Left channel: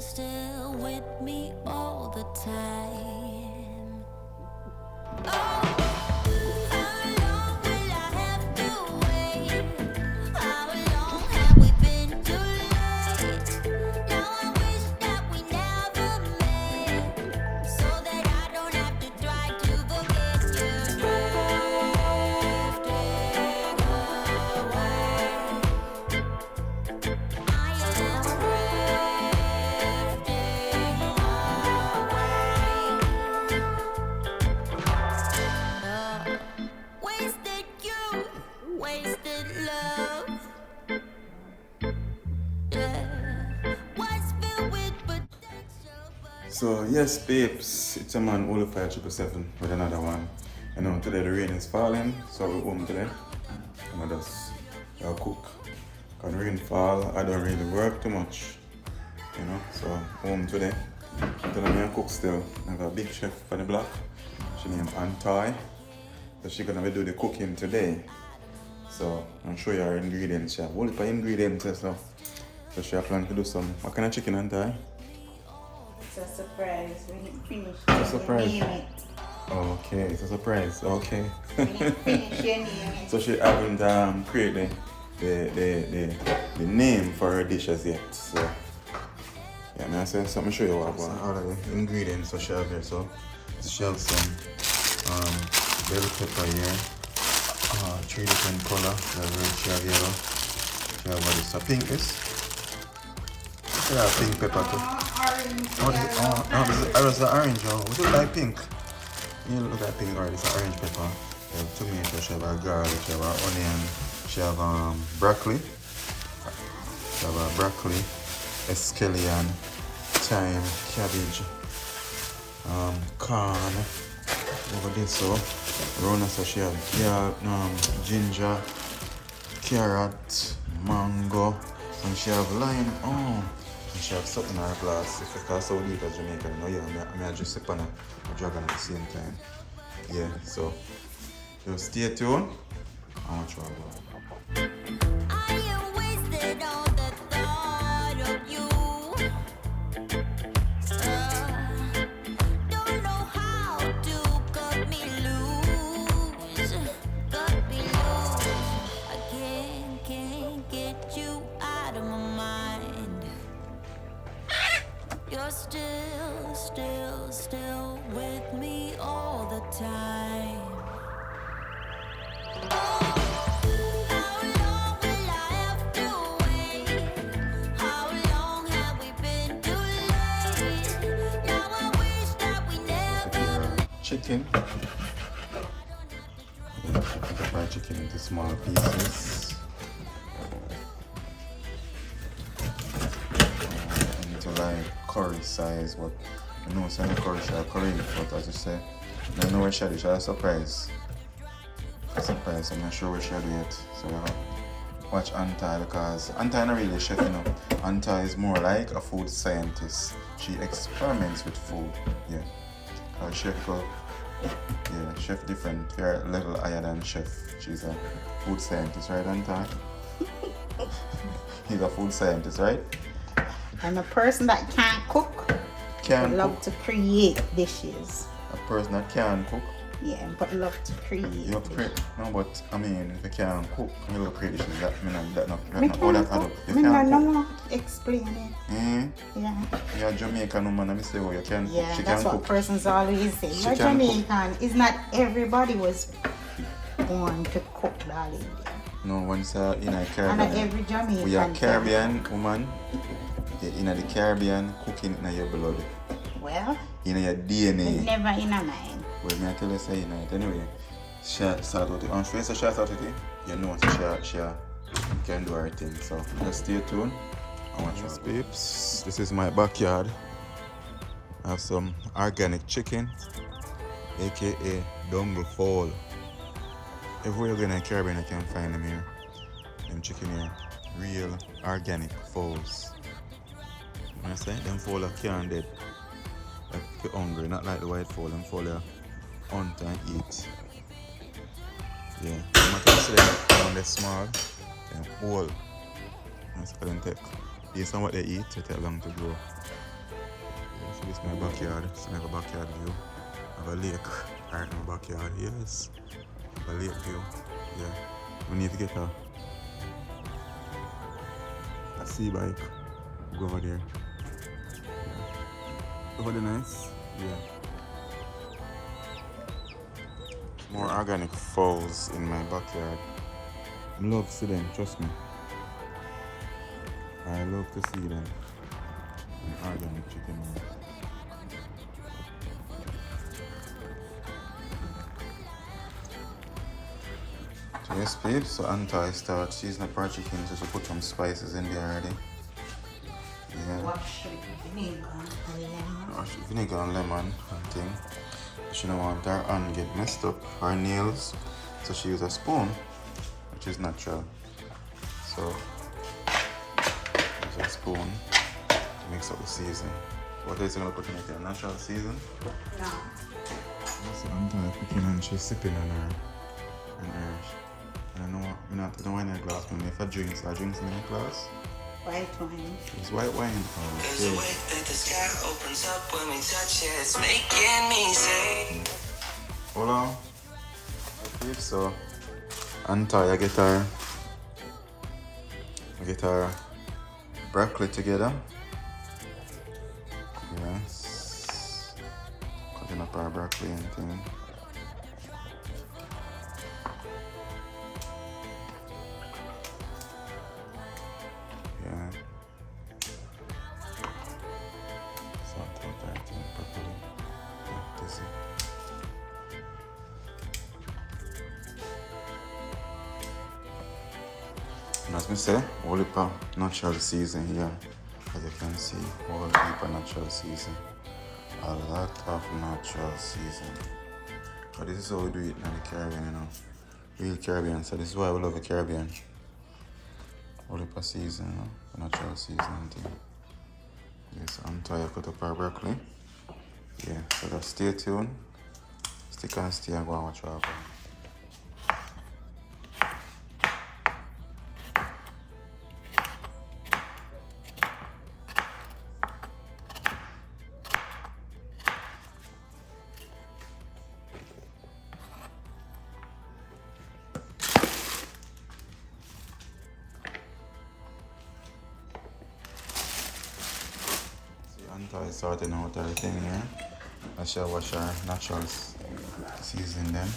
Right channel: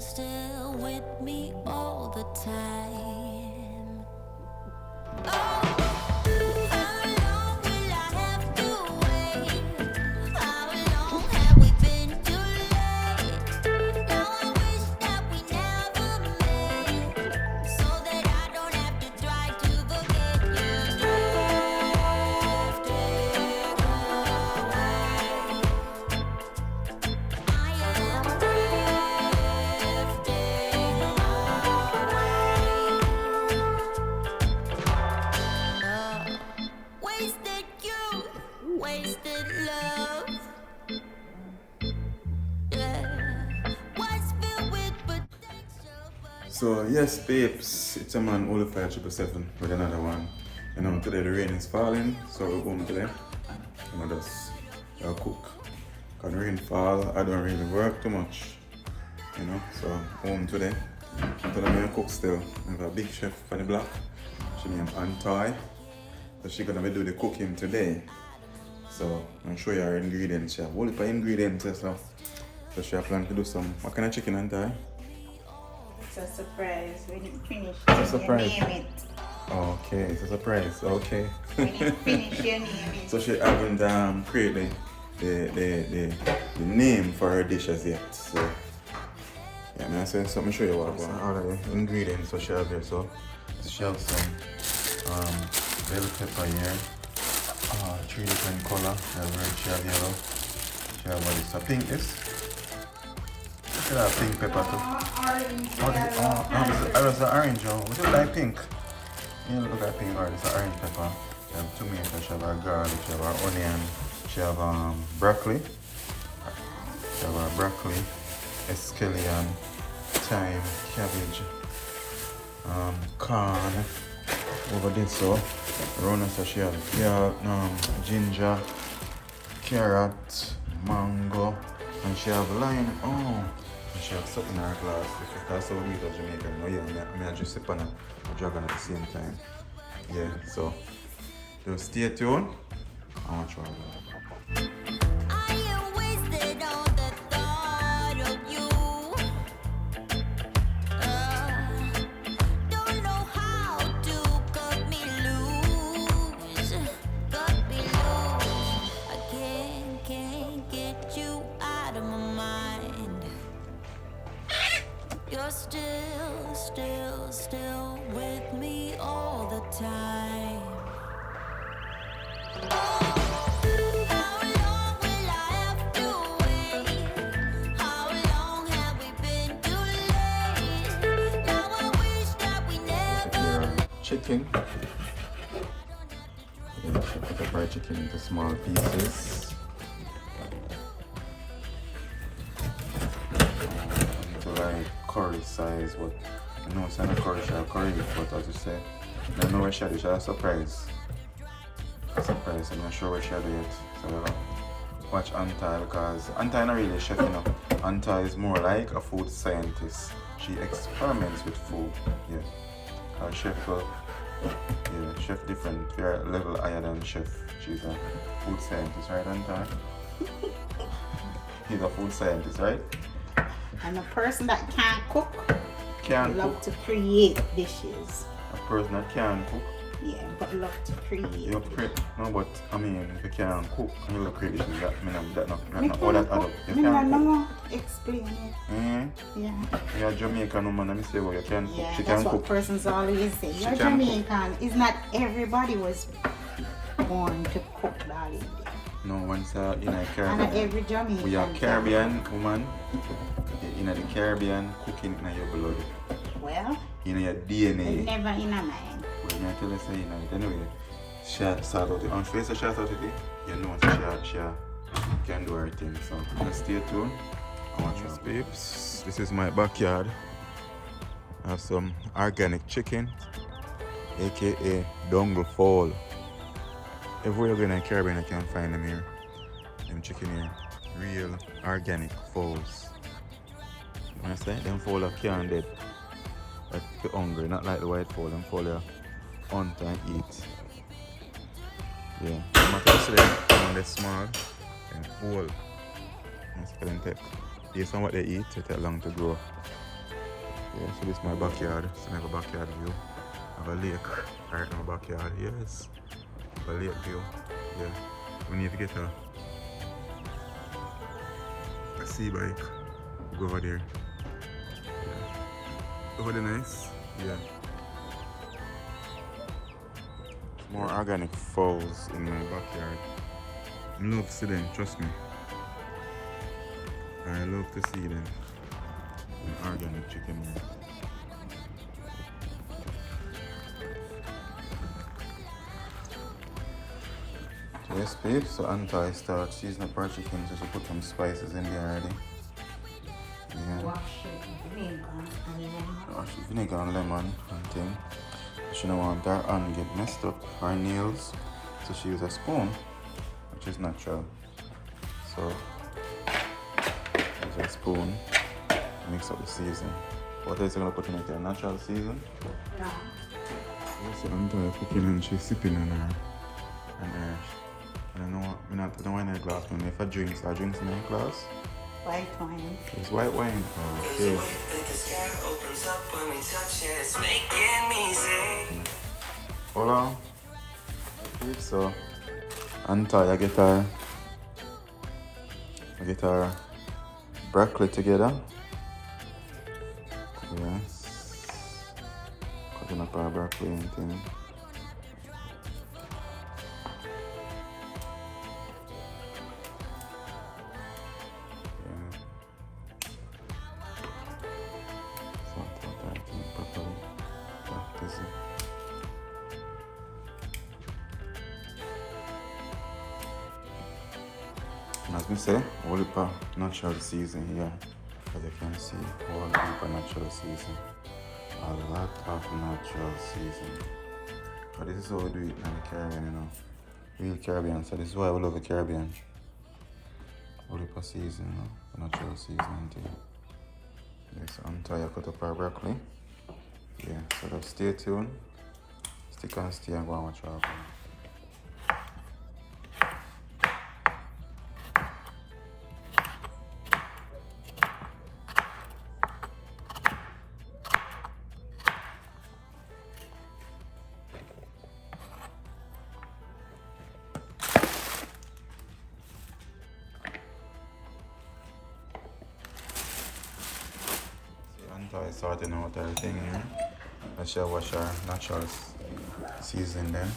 still with me all the time. Oh, how long will I have to wait? How long have we been too late? Now I wish that we never met, so that I don't have to try to forget you. Drifting away. I am drifting away. Wasted youth, wasted love. Yeah. Was filled with potential, but So yes, babes, it's a man Oliver 777 with another one. You know, today the rain is falling, so we're home today. And I just cook. When rain fall, I don't really work too much. You know, so I'm home today. Today I'm cook still. I have a big chef for the block. She named Antoy. So she's gonna be do the cooking today. So I'll show you her ingredients. She have all the ingredients and stuff. So she have planned to do some. What kind of chicken, Antoy? It's a surprise. We didn't finish. It's a surprise. Name it. Okay, it's a surprise. Okay. We didn't finish your name it. So she haven't created the name for her dishes yet. So yeah, I'm gonna say something. Show you what all of the ingredients so she have here. So she have some bell pepper here. 3 different color. She have red, she have yellow. She have what is a pink is. She have pink pepper too. Oh, this is the orange. Oh, we don't like pink. You look at pink. Alright, it's an orange pepper. She have tomato. She have a garlic. She have an onion. She have broccoli. She have broccoli, scallion, thyme, cabbage, corn. Over this so around us so she have ginger, carrot, mango, and she have lime. Oh, and she have something in her glass. If it's also leave as Jamaican, no, yeah, I mean, I just sip on a dragon at the same time. Yeah, so just stay tuned. I want to try it. I am wasted on the thought of you. Don't know how to cut me loose. I can't get you out of my mind. You're still with me all the time. How long will I have to wait? How long have we been too late? Now I wish that we never met. Chicken. Put the fried chicken into small pieces. Into like curry size, but I know it's not curry, but as you say, I know where she is. A surprise. I'm not sure where she'll do it. So watch Anta because Anta is not really a chef, you know. Anta is more like a food scientist. She experiments with food. Yeah. Her chef chef different, fair level higher than chef. She's a food scientist, right, Anta? He's a food scientist, right? And a person that can't cook Cook. to create dishes. A person that can cook. Yeah, but love to create. You have to create. No, but I mean, if you can't cook, you will create dishes. That Me not all that add up. You Me can't cook. no explain it. Yeah. You're a Jamaican woman, and I say, well, you can cook. Yeah, She that's can what cook. persons always say. She You're can cook. Jamaican. It's not everybody was born to cook, darling. No, once in a And not Caribbean. every Jamaican. We are can. Caribbean woman. In the Caribbean, cooking in your blood. Well, In your DNA. never in a mind. Well, me I tell you say in it. Anyway, she start out it. On face she start out it. You know she can do her thing. So just stay tuned. I want you babes. This is my backyard. I have some organic chicken, aka dongle fowl. Everywhere you go in the Caribbean, you can find them here. Them chicken here, real organic fowls. You understand? Them fowl are can't dead. Like if you're hungry, not like the white fowl. Them fowl are hunt and eat. Yeah, no matter what you say, them they're small, them whole. That's why them take based on what they eat, it takes long to grow. Yeah, so this is my backyard. So I have a backyard view. I have a lake right in my backyard. Yes. I have a lake view. Yeah. We need to get a sea bike. Go over there. Yeah. Over there nice. Yeah. More organic fowls in my backyard. I love to see them, trust me. I love to see them. An organic chicken. Yes, babe. So Anta start seasoning up our chicken, so put some spices in there already. Yeah. Wash vinegar and lemon. Wash vinegar and lemon and thing. She don't want her hand get messed up, her nails. So she use a spoon, which is natural. So use a spoon to mix up the season. What else you gonna put in it? Natural season? No. So Anta cooking and she's sipping on her. I don't know what, I don't wine in a glass, but if I drinks in a glass. White wine. It's white wine. Oh, okay. Hold on. Okay, so Anta, I get her broccoli together. Yes. Cutting up our broccoli and thing. And as I say, all the natural season here, as you can see, all the natural season. A lot of natural season. But this is how we do it in the Caribbean, you know. Real Caribbean, so this is why we love the Caribbean. All the season, you know, the natural season thing. Yes, I'm tired, cut up our broccoli. Yeah, so just stay tuned. Stick and stay and go and watch our broccoli. Anta is sorting out everything here. I shall wash our natural season then.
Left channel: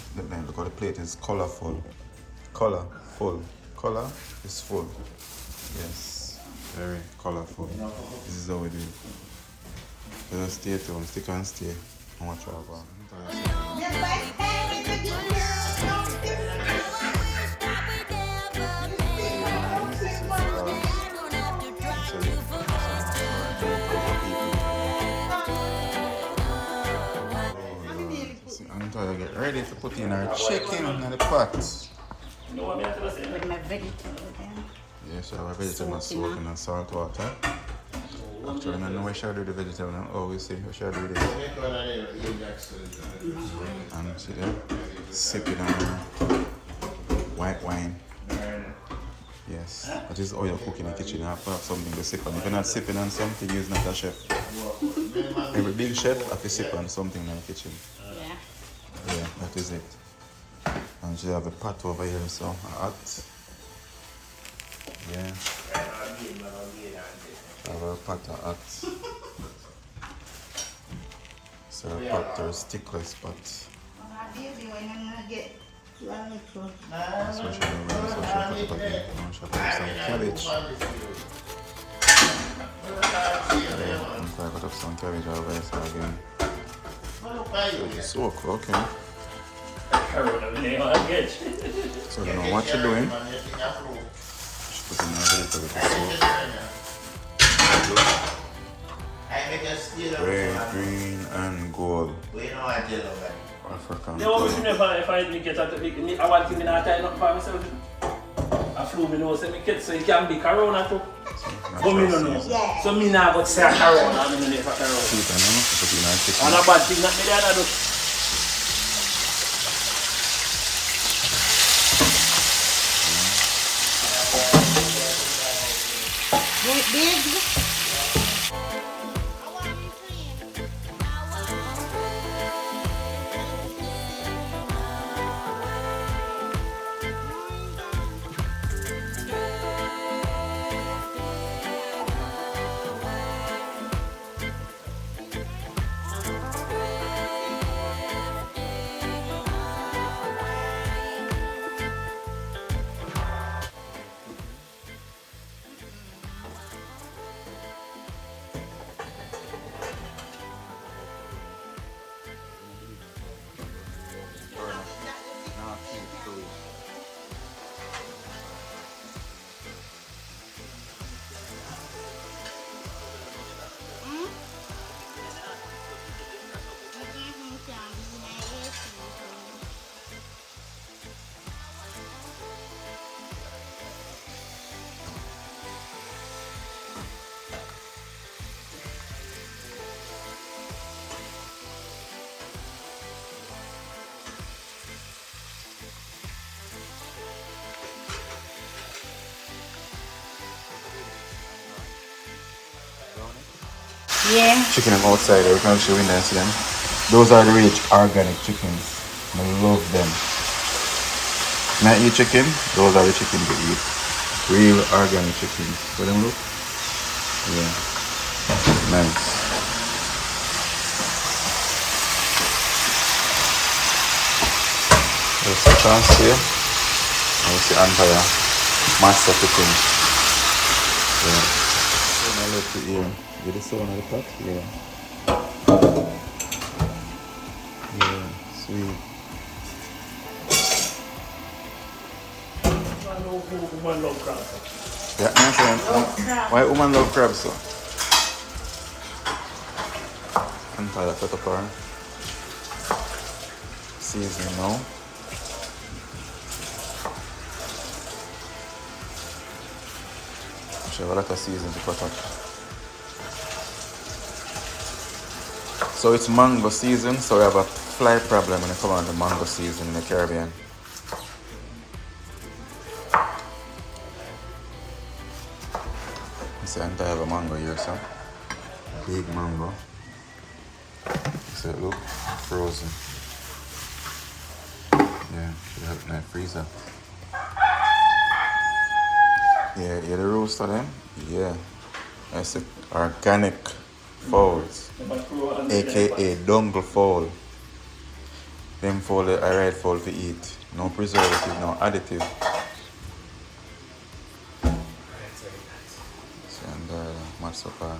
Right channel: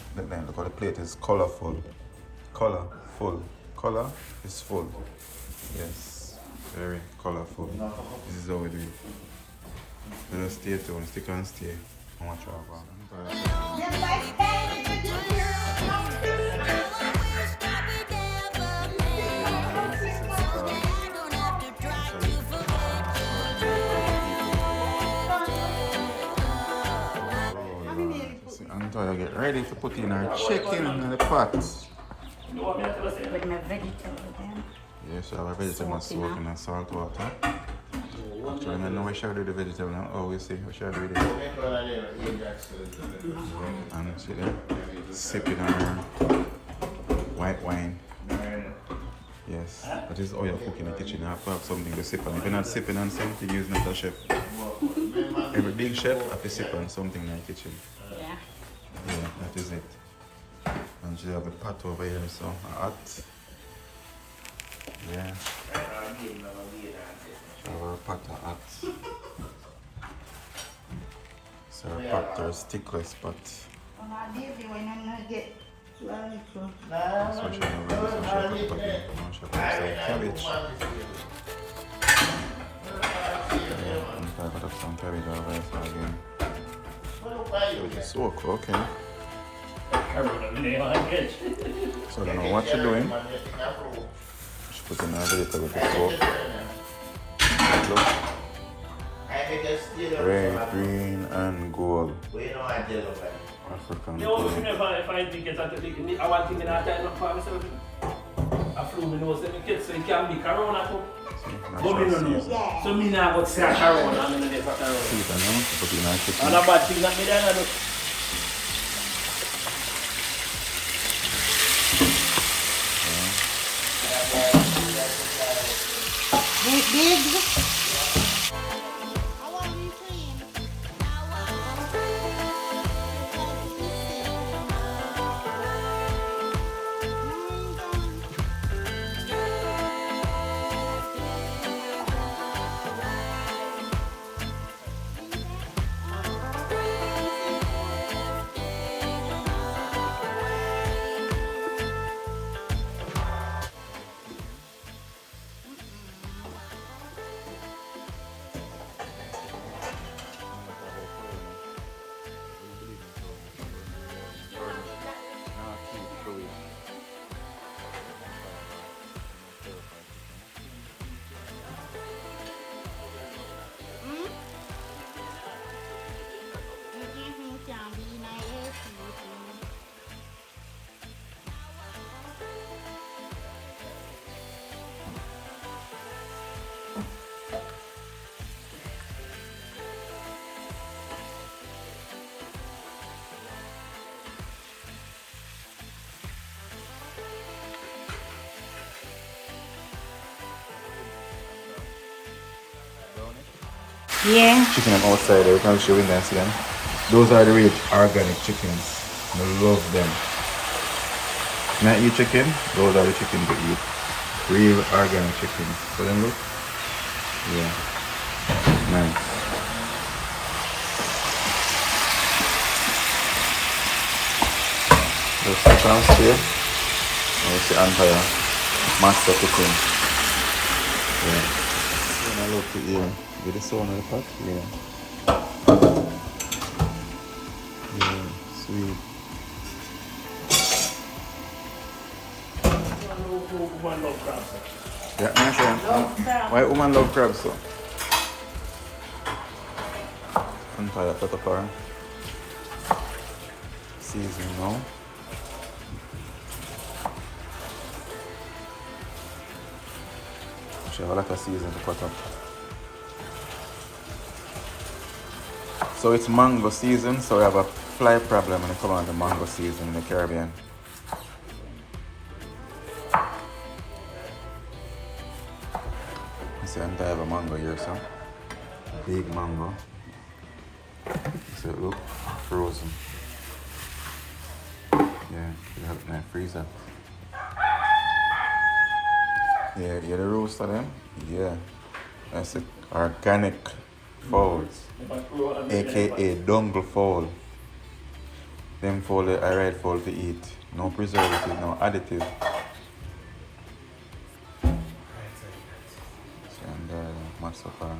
Look how the plate is colorful. Colorful. Color is full. Yes. Very colorful. This is how we do it. So just stay tuned, stick and stay. And watch our bar. Anta, get ready to put in our chicken in the pot. With my vegetable then. Yes, our vegetable soak in salt water. Actually, I know we should do the vegetable now. Oh, we see, we should do this. And see there, sipping on our white wine. Yes, that is how you cook in the kitchen. You have to have something to sip on. If you're not sipping on something, you're not a chef. Every big chef has to sip on something in the kitchen. Yeah. Yeah, that is it. And she have a pot over here, so hot. Yeah. Our pot hot. So our pot or stickless pot. So she have a pot in. Now she have some cabbage. Yeah, and I got up some cabbage over there, so again. Cabbage is soak, okay. So I don't know what you're doing. Just put in our vegetable to soak. Red, green, and gold. African color. If I drink it, I want to tie up for myself. I flew me nose and kids, so it can be corona too. So me now got say corona. Sweet and put in our chicken. And a bad thing that me there do. Big. Yeah. chicken them outside there. You can show in there and see them. Those are the real organic chickens. I love them. When I eat chicken, those are the chickens we eat. Real organic chickens. So them look? Yeah. Nice. Just a chance here. I will see entire master chicken. Yeah. So I love to hear. Get the sound of the pot? Yeah. Yeah, sweet. Woman love crab. Yeah, me and say, why woman love crab so? Entire cut up her seasoning now. She have a lot of seasoning to cut up. So it's mango season, so we have a fly problem when it comes on the mango season in the Caribbean. You see, I have a mango here, so big mango. So look, frozen. Yeah, should have it in the freezer. Yeah, the roast of them? Yeah. That's the organic fowls, aka dongle fowl. Them fowl are right fowl to eat. No preservative, no additive. See, and match up bell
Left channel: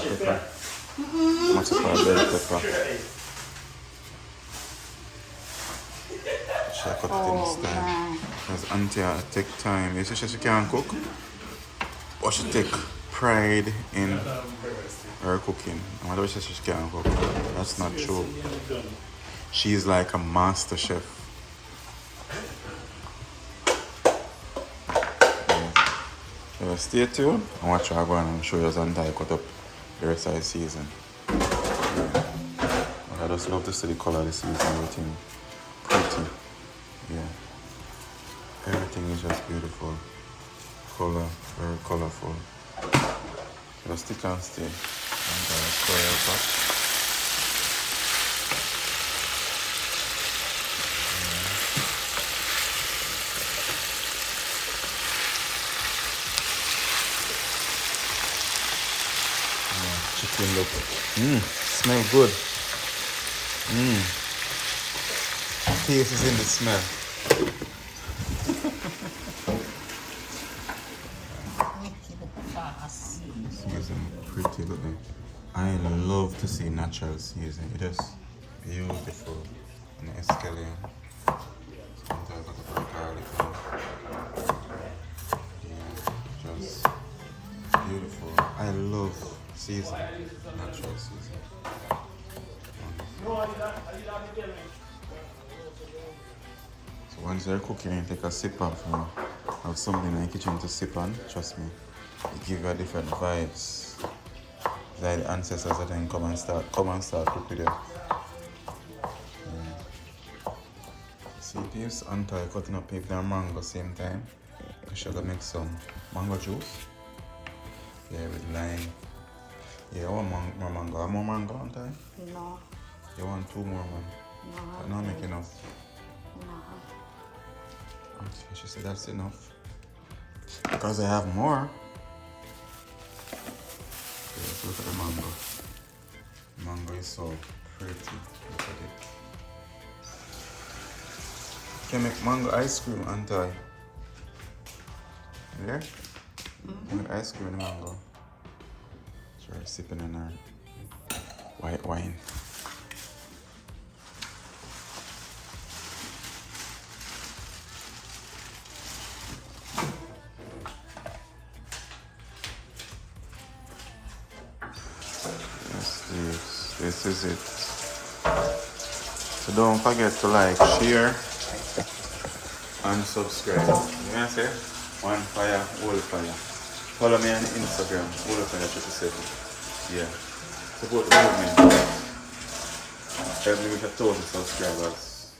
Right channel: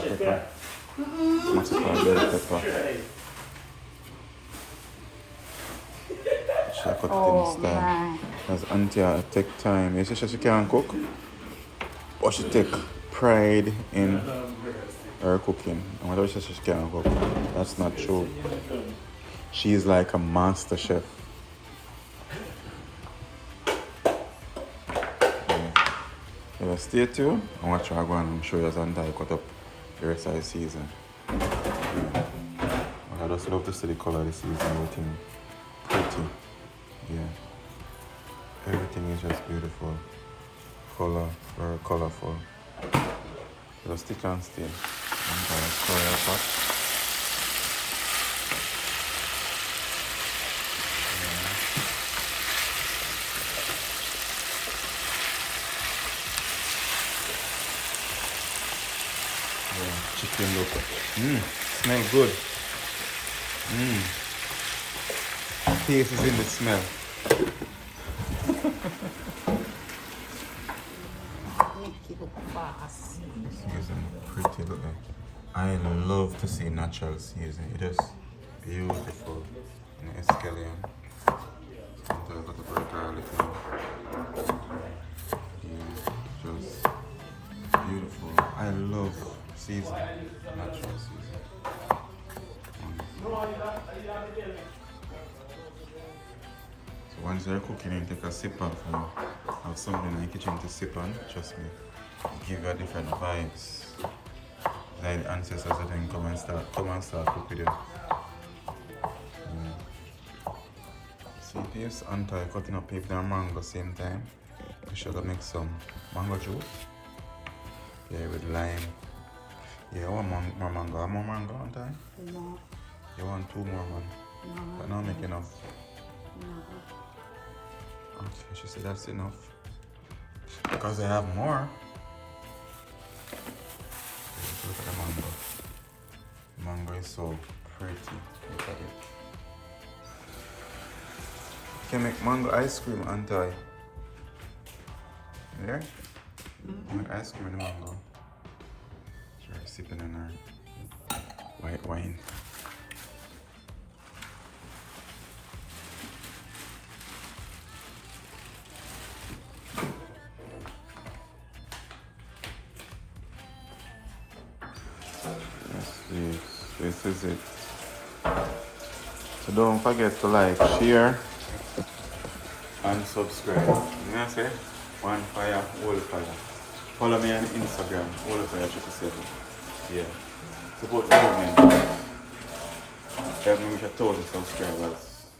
pepper. Match up bell pepper. She cut it in style. Because auntie take time. You see she can't cook, but she take pride in her cooking. And whatever she says she can't cook, that's not true. She's like a master chef. Yeah. So stay tuned and watch her go on and show you as auntie cut up the rest of the season. Yeah. But I just love to see the color of the season, everything pretty. Yeah. Everything is just beautiful. Color, very colorful. Just stick and stay. And stir it up. Yeah, chicken look. Smell good. Taste is in the smell. Season pretty, look at. I love to see natural season. It is beautiful. And escallion. Sometimes I got to put garlic in. Yeah, just beautiful. I love season, natural season. So once you're cooking and take a sip off and have something in the kitchen to sip on, trust me, it gives you a different vibes. It's like the ancestors that then come and start cook with you. Yeah. See this auntie cutting up paper and mango same time. I should make some mango juice. Yeah, with lime. Yeah, I want more mango. Have more mango, auntie? No. You want 2 more, man? No. But not make enough. No. Okay, she said that's enough. Because I have more. Okay, look at the mango. Mango is so pretty. Look at it. You can make mango ice cream, auntie. You there? You make ice cream in the mango. Sure, sipping in her white wine. This is it. So don't forget to like, share, and subscribe. You know what I say? One fire, all fire. Follow me on Instagram, all fire 37. Yeah. Support the movement. Help me reach 1,000 subscribers.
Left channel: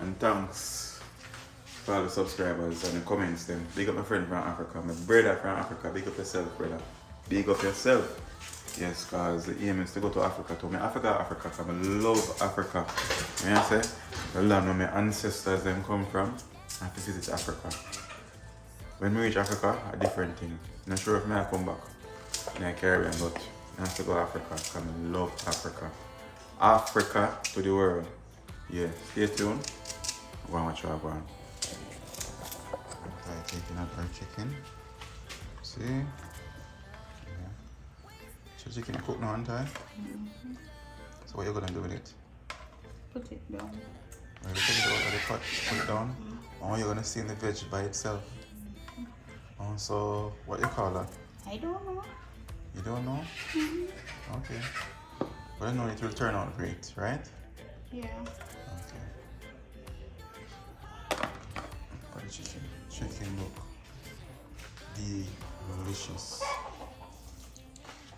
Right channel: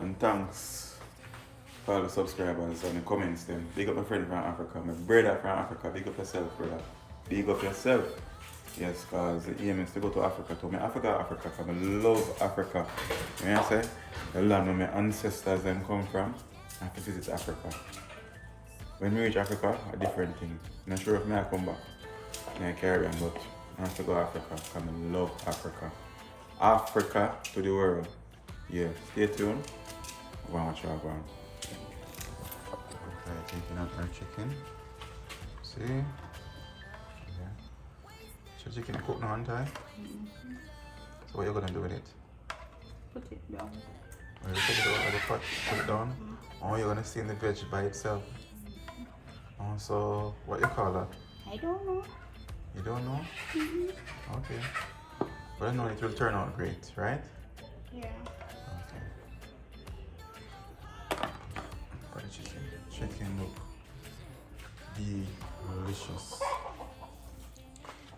And thanks for all the subscribers and the comments then. Big up my friend from Africa, my brother from Africa. Big up yourself, brother. Big up yourself. Yes, cause the aim is to go to Africa too. Africa, cause I love Africa. You know what I say? The land where my ancestors them come from, I have to visit Africa. When we reach Africa, a different thing. I'm not sure if I come back in the Caribbean, but I have to go to Africa, cause I love Africa. Africa to the world. Yeah, stay tuned. Go and watch what I'm taking out our chicken. See? Yeah. So chicken cooked now, aren't I? So what are you gonna do with it? Put it down. Well, you take it out of the pot, put it down. Or you're gonna steam the veg by itself. Oh, so what you call that? I don't know. You don't know? Okay. But I know it will turn out great, right? Yeah. Okay. For the chicken. Chicken look delicious.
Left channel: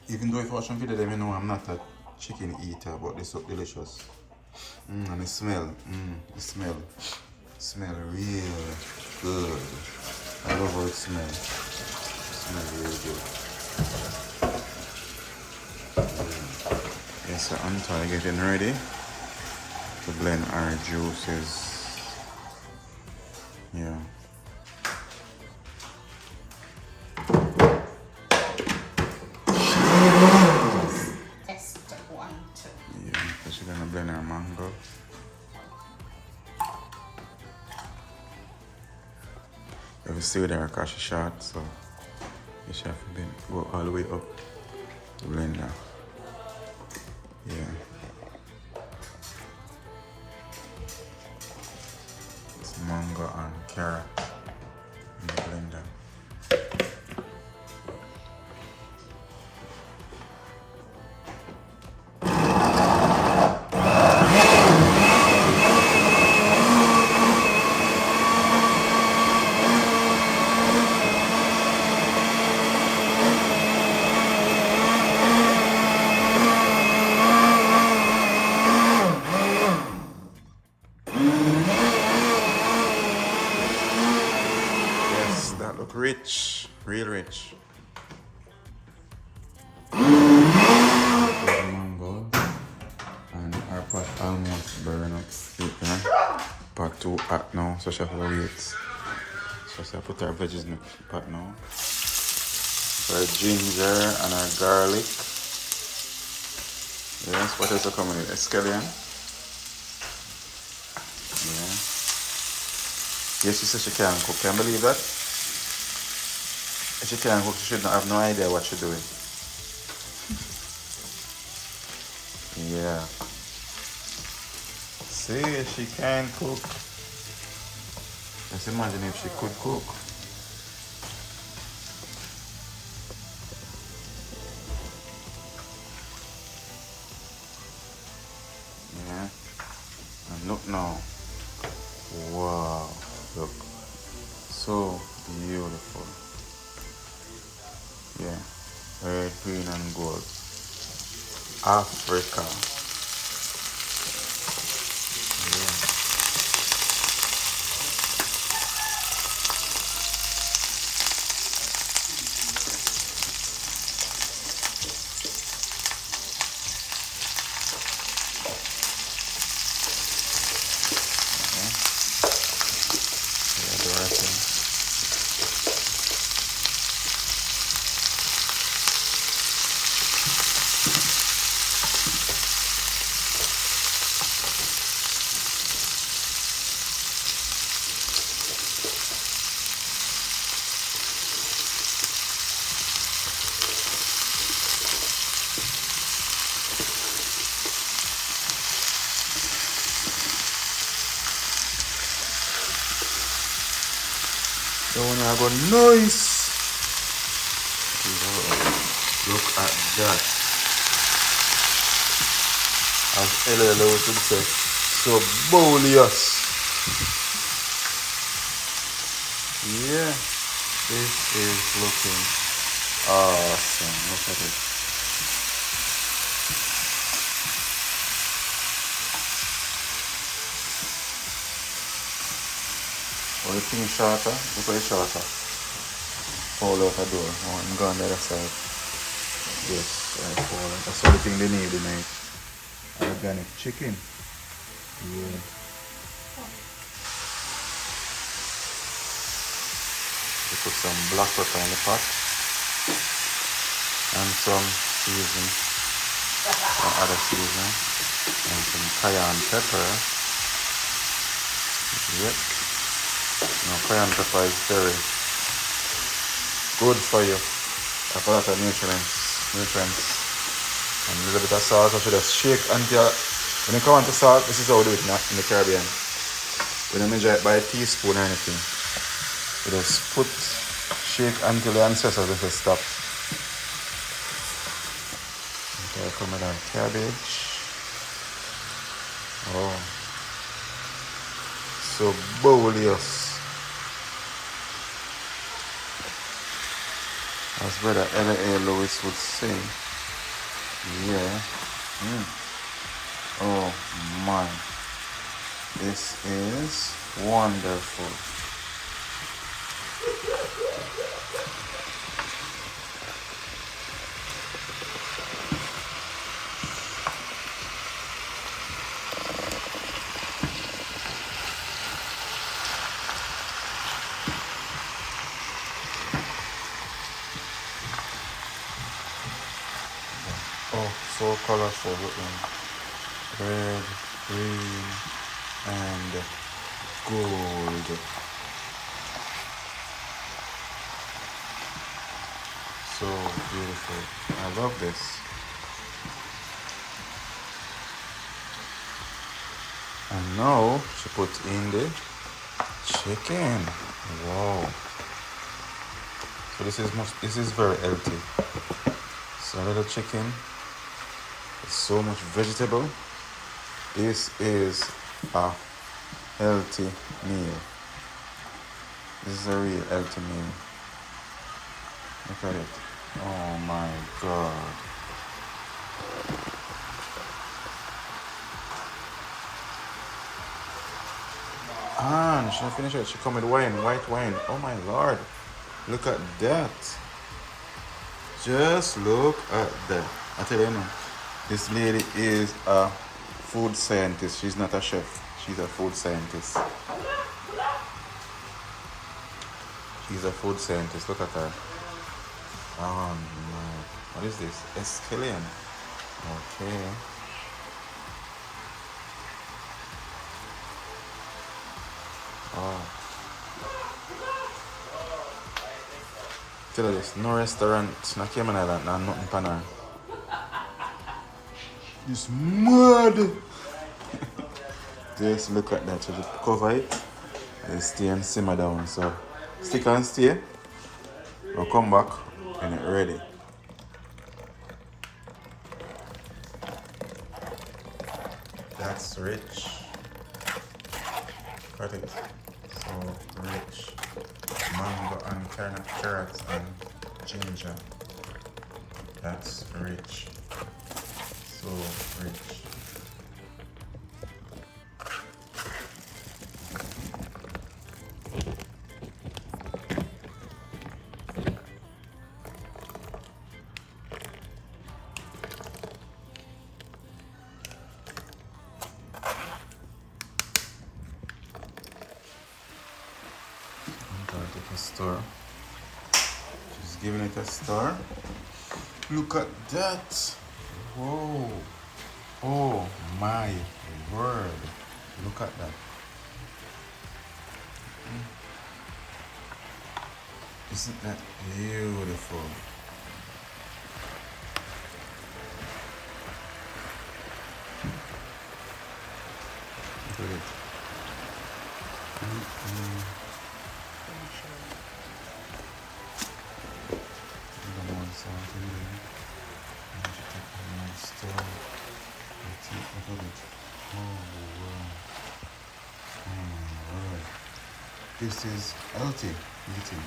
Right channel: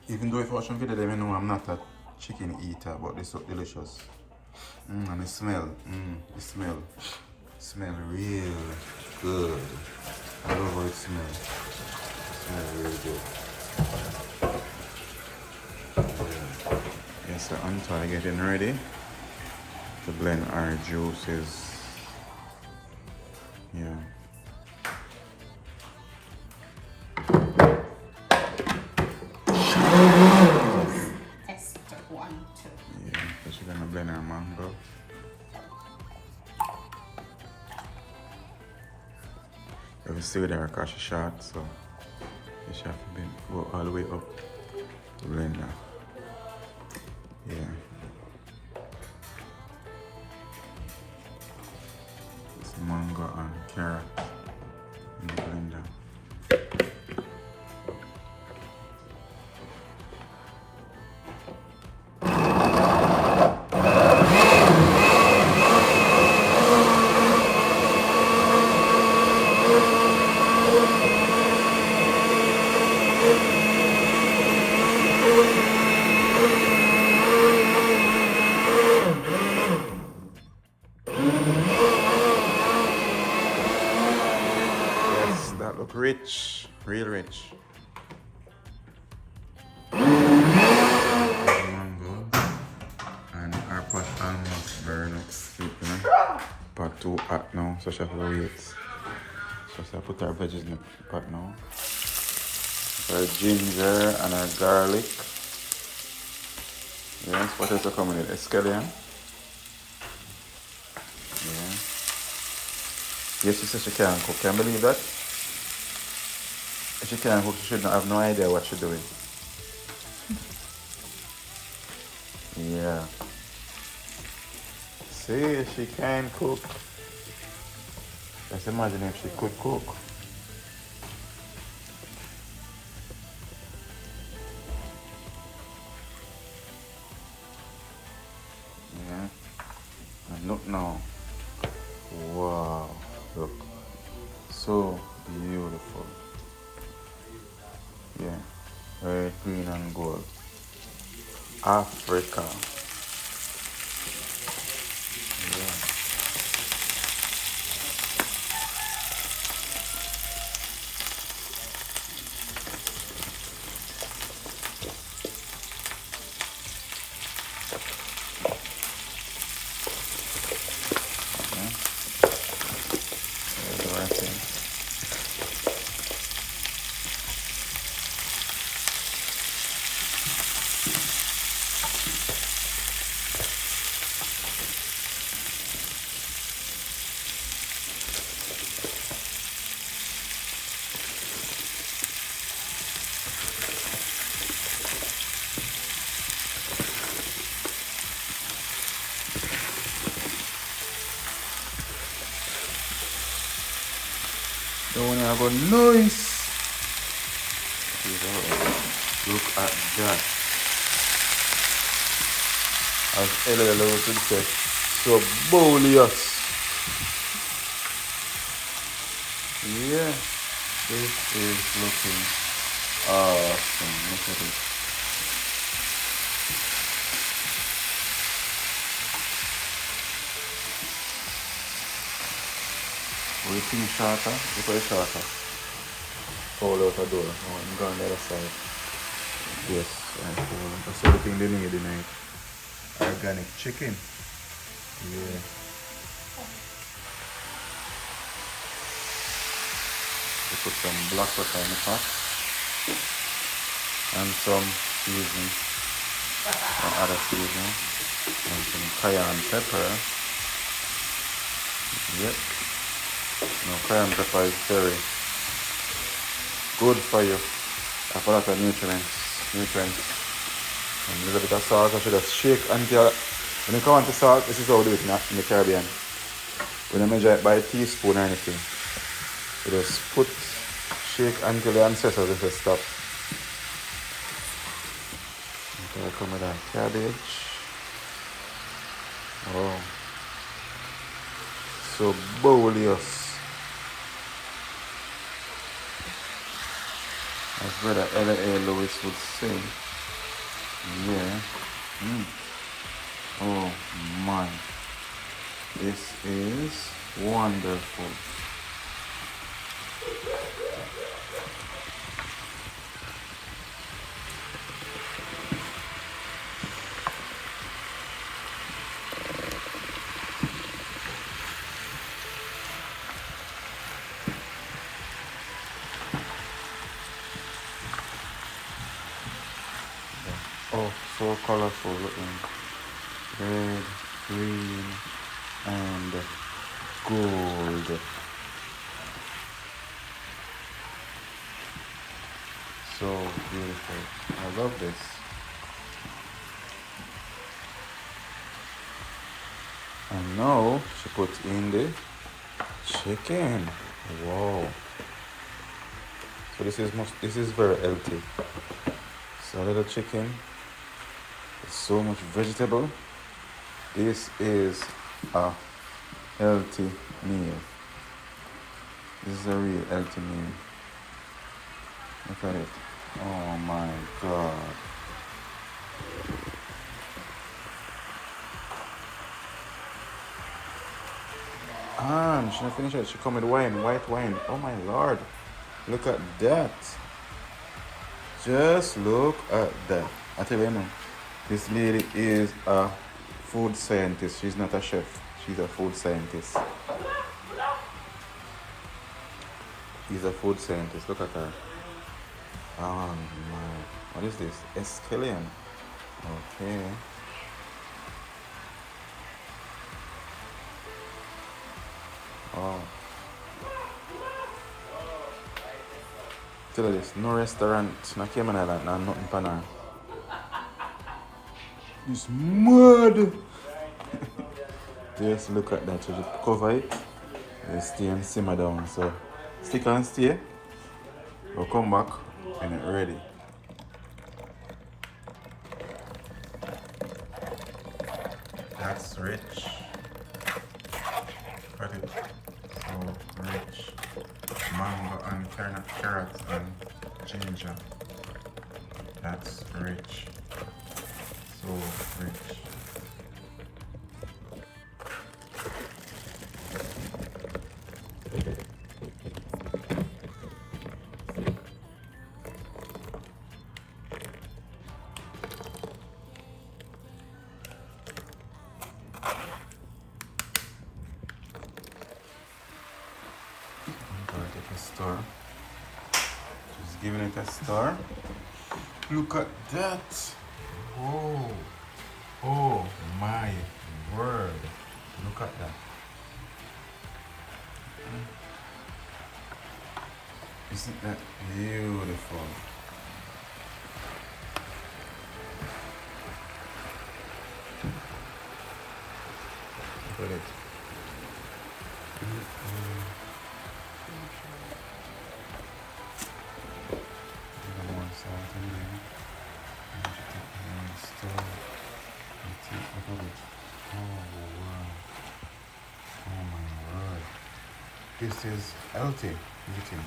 Even though if I watch some video, they know I'm not a chicken eater, but this look delicious. And the smell, smell real good. I love how it smells. Smell really good. Yes, so I'm trying to getting ready to blend our juices. Yeah. Just test 1, 2. Yeah, so she's gonna blend our mango. You have to stay with her because she's short, so you should have to go all the way up to blend her. Yeah. It's mango and carrot in the blender. Yes, that look rich, real rich. Mango and our pot almost burn up. Pot too hot now, so she have to wait. So she put our veggies in the pot now. Our ginger and our garlic. Yes, what else are coming in? Escallion. Yeah. Yes, she said she can cook. Can you believe that? If she can cook, she should not have no idea what she's doing. Yeah. See, she can cook. Just imagine if she could cook. Yeah. And look now. Wow. Look. So beautiful. Yeah. Red, green, and gold. Africa. Yeah. There's the wrapping. So when I go nice. Look at that. As LLO would say, so boleous. Yeah, this is looking awesome. Look at it. everything shorter, look at it shorter. Fall out the door. Oh, I'm going the other side. Yes, I fall out. That's all the thing they need tonight. Organic chicken. Yeah. We put some black pepper in the pot and some seasoning, some other seasoning, and some cayenne pepper. Yep. Now cayenne pepper is very good for you. Have a lot of nutrients. And a little bit of salt. I should just shake until when you come on to salt, this is how we do it in the Caribbean. We don't measure it by a teaspoon or anything. We just shake until the ancestors just stop. Okay, I come with our cabbage. Oh, so boleous. As brother L.A. Lewis would say. Yeah. Oh my. This is wonderful. Oh, so colorful. Look at red, green, and gold. So beautiful. I love this. And now she puts in the chicken. Wow. So this is very healthy. So a little chicken. So much vegetable. This is a healthy meal. This is a real healthy meal. Look at it. Oh my God. And she not finished it. She come with wine, white wine. Oh my Lord. Look at that. Just look at that. I tell you now, this lady is a food scientist. She's not a chef. She's a food scientist. She's a food scientist. Look at her. Oh my. What is this? Escallion. Okay. Oh. Tell her this. No restaurant in Cayman Island and nothing pan her. It's mad. Just look at that. You just cover it and stay and simmer down. So stick and stay. We'll come back when it's ready. That's rich. Look at it. So rich. Mango and carrots and ginger. That's rich. So rich. A stir. Just giving it a stir. Look at that. Whoa. Oh my word. Look at that. Isn't that beautiful? Look at it. This is healthy eating.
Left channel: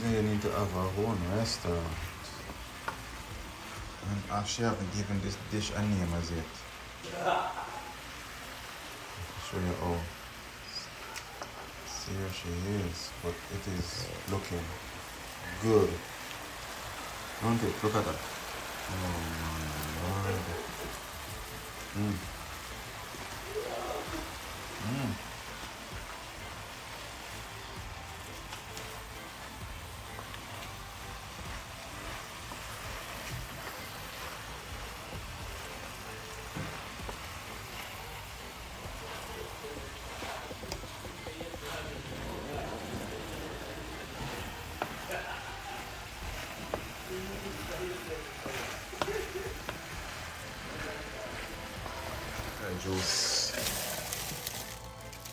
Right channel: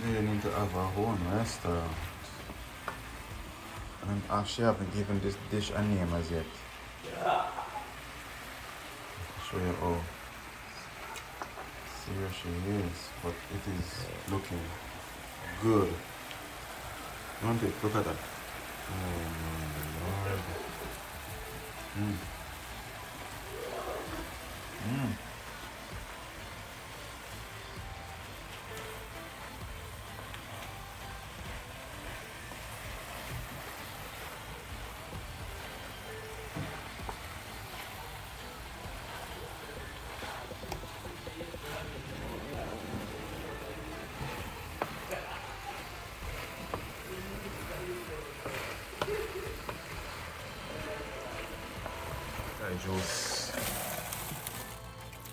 really need to have our own restaurant. And actually, I haven't given this dish a name as yet. I'll show you how serious she is, but it is looking good. Don't it? Look at that. Oh my Lord. Juice.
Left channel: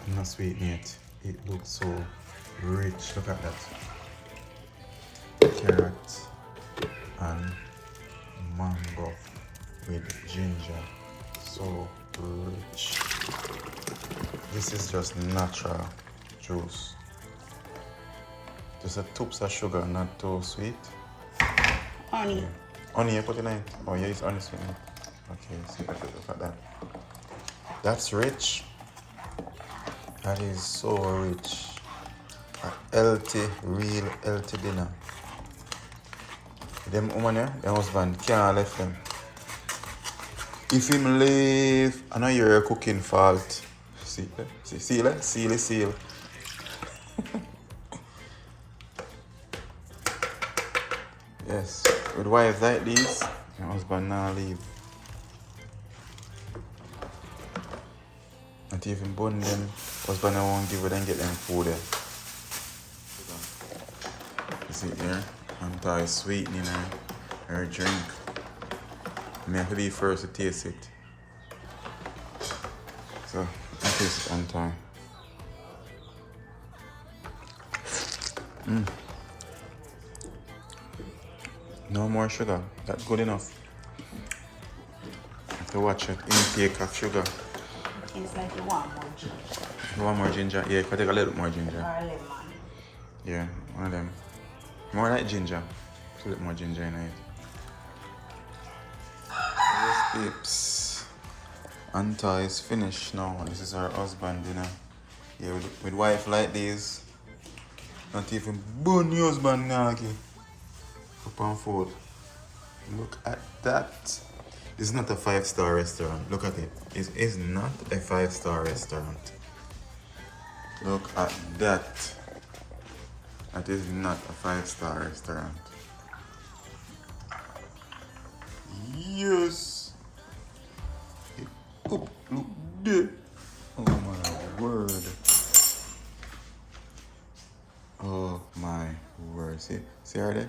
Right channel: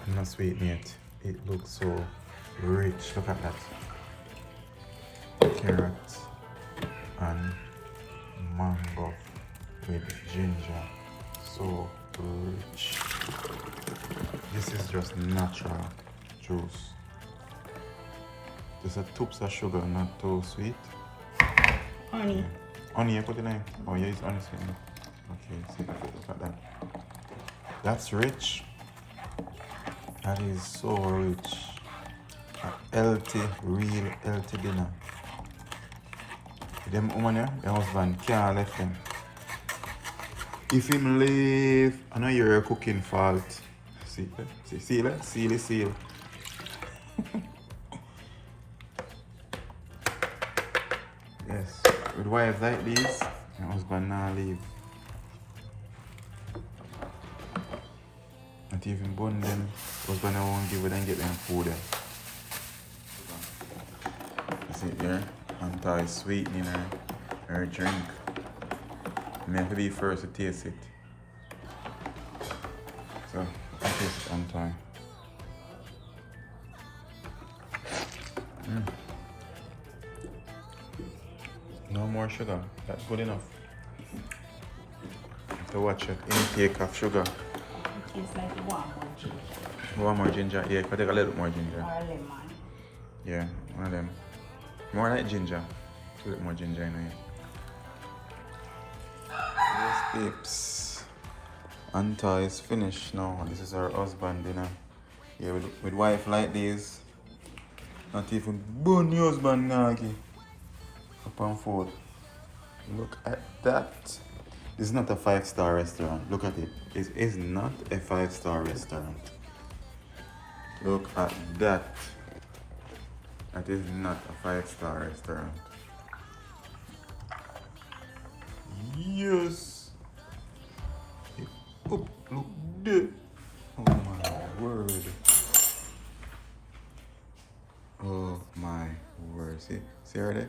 I'm not sweetened yet. It looks so rich. Look at that. Carrot and mango with ginger. So rich. This is just natural juice. Just a toops of sugar, not too sweet. Honey. Honey, you put it in? Oh, yeah, it's honey sweet. Okay, see, look at that. That's rich. That is so rich. A healthy, real healthy dinner. Them woman here, their husband can't let them. If him leave, I know you're cooking fault. See, seal. Yes, with wives like these, your husband now leave. Not even bun them, husband I won't give it and get them food there. You see it here? Anta is sweetening her drink. I have to be first to taste it. So, I taste it Anta. No more sugar, that's good enough. Have to watch it, intake of sugar. It's like you want more ginger. You want more ginger? Yeah, if I take a little more ginger. Or lemon. Yeah, one of them. More like ginger. A little more ginger in it. Yes, peeps. Anta is finished now. This is her husband dinner. Yeah, with wife like this. Not even bun your husband nagi. Up on food. Look at that. This is not a 5-star restaurant. Look at it. This is not a 5-star restaurant. Look at that. That is not a 5-star restaurant. Yes. Oh, look there. Oh my word. Oh my word. See her there?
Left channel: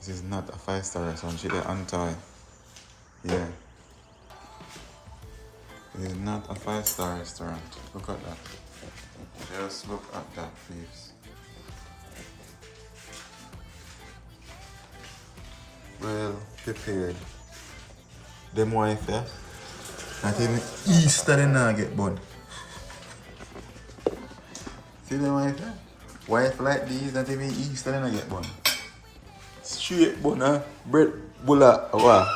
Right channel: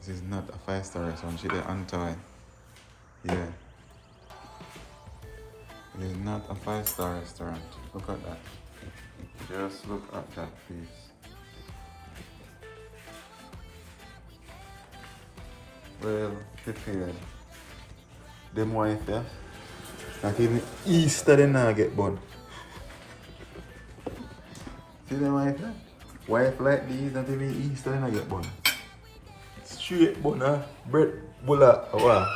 This is not a 5-star restaurant. She there Anta. Yeah. It is not a 5-star restaurant. Look at that. Just look at that, peeps. Well prepared. Them wife there. Not even Easter they now get bun. See them wife there? Wife like these, not even Easter they not get bun. Straight bun, bread, bulla, wow.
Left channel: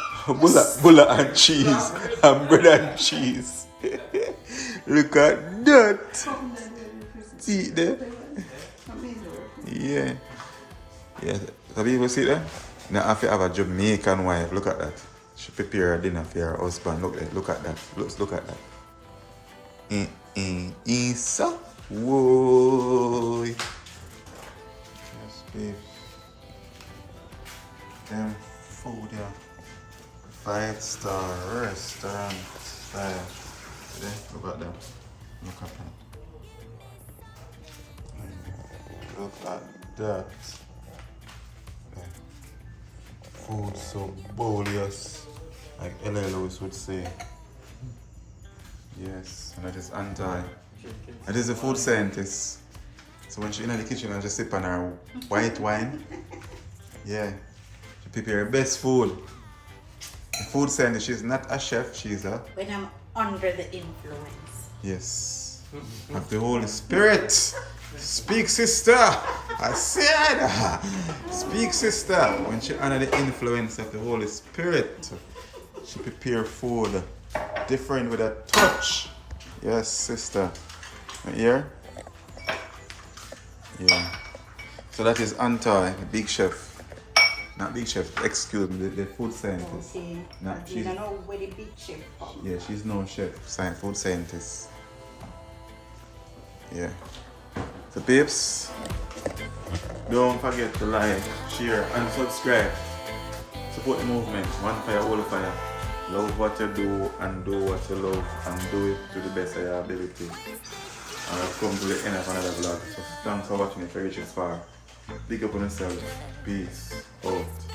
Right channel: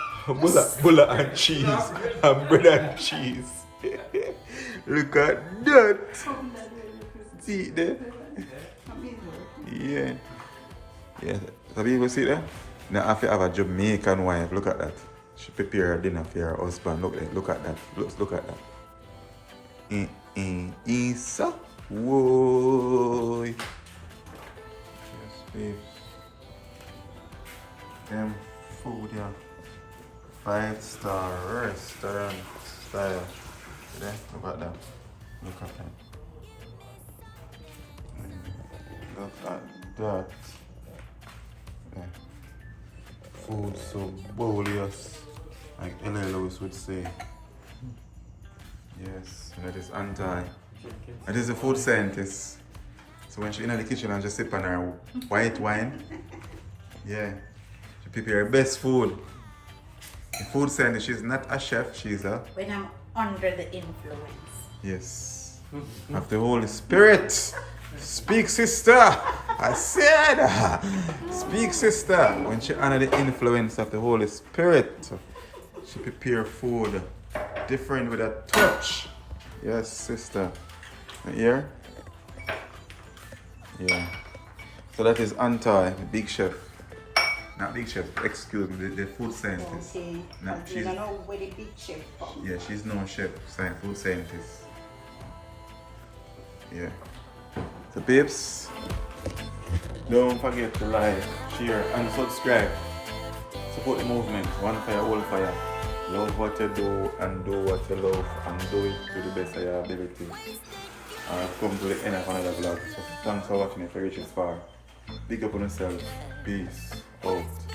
Bulla and cheese. And bread and cheese. Look at that. See it there? Yeah. Yeah. Have you ever seen that? Now I have a Jamaican wife. Look at that. She prepare her dinner for her husband. Look at that. Look at that. Isa. Whoa. Yes, babe. Them food, yeah. 5-star restaurant style. See there? Look at that. Look at that. Look at that. Food so boleous, like L.A. Lewis would say. Yes, and that is Anta. That is a food scientist. So when she's in the kitchen and just sip on her white wine, yeah, she prepare her best food. The food scientist, she's not a chef, she's a... When I'm under the influence. Yes. Of the Holy Spirit. Speak, sister. I said, speak, sister. When she under the influence of the Holy Spirit, she prepare food different with a touch. Yes, sister. Here? Yeah. So that is Antai, the big chef. Not big chef, excuse me, the food scientist. Okay. No, But you she's, don't know where the big chef from. yeah, she's no chef, food scientist. Yeah. So babes, don't forget to like, share and subscribe. Support the movement. One fire, all fire. Love what you do and do what you love and do it to the best of your ability. And I've come to the end of another vlog. So thanks for watching if you reach this far. Big up on yourself. Peace out.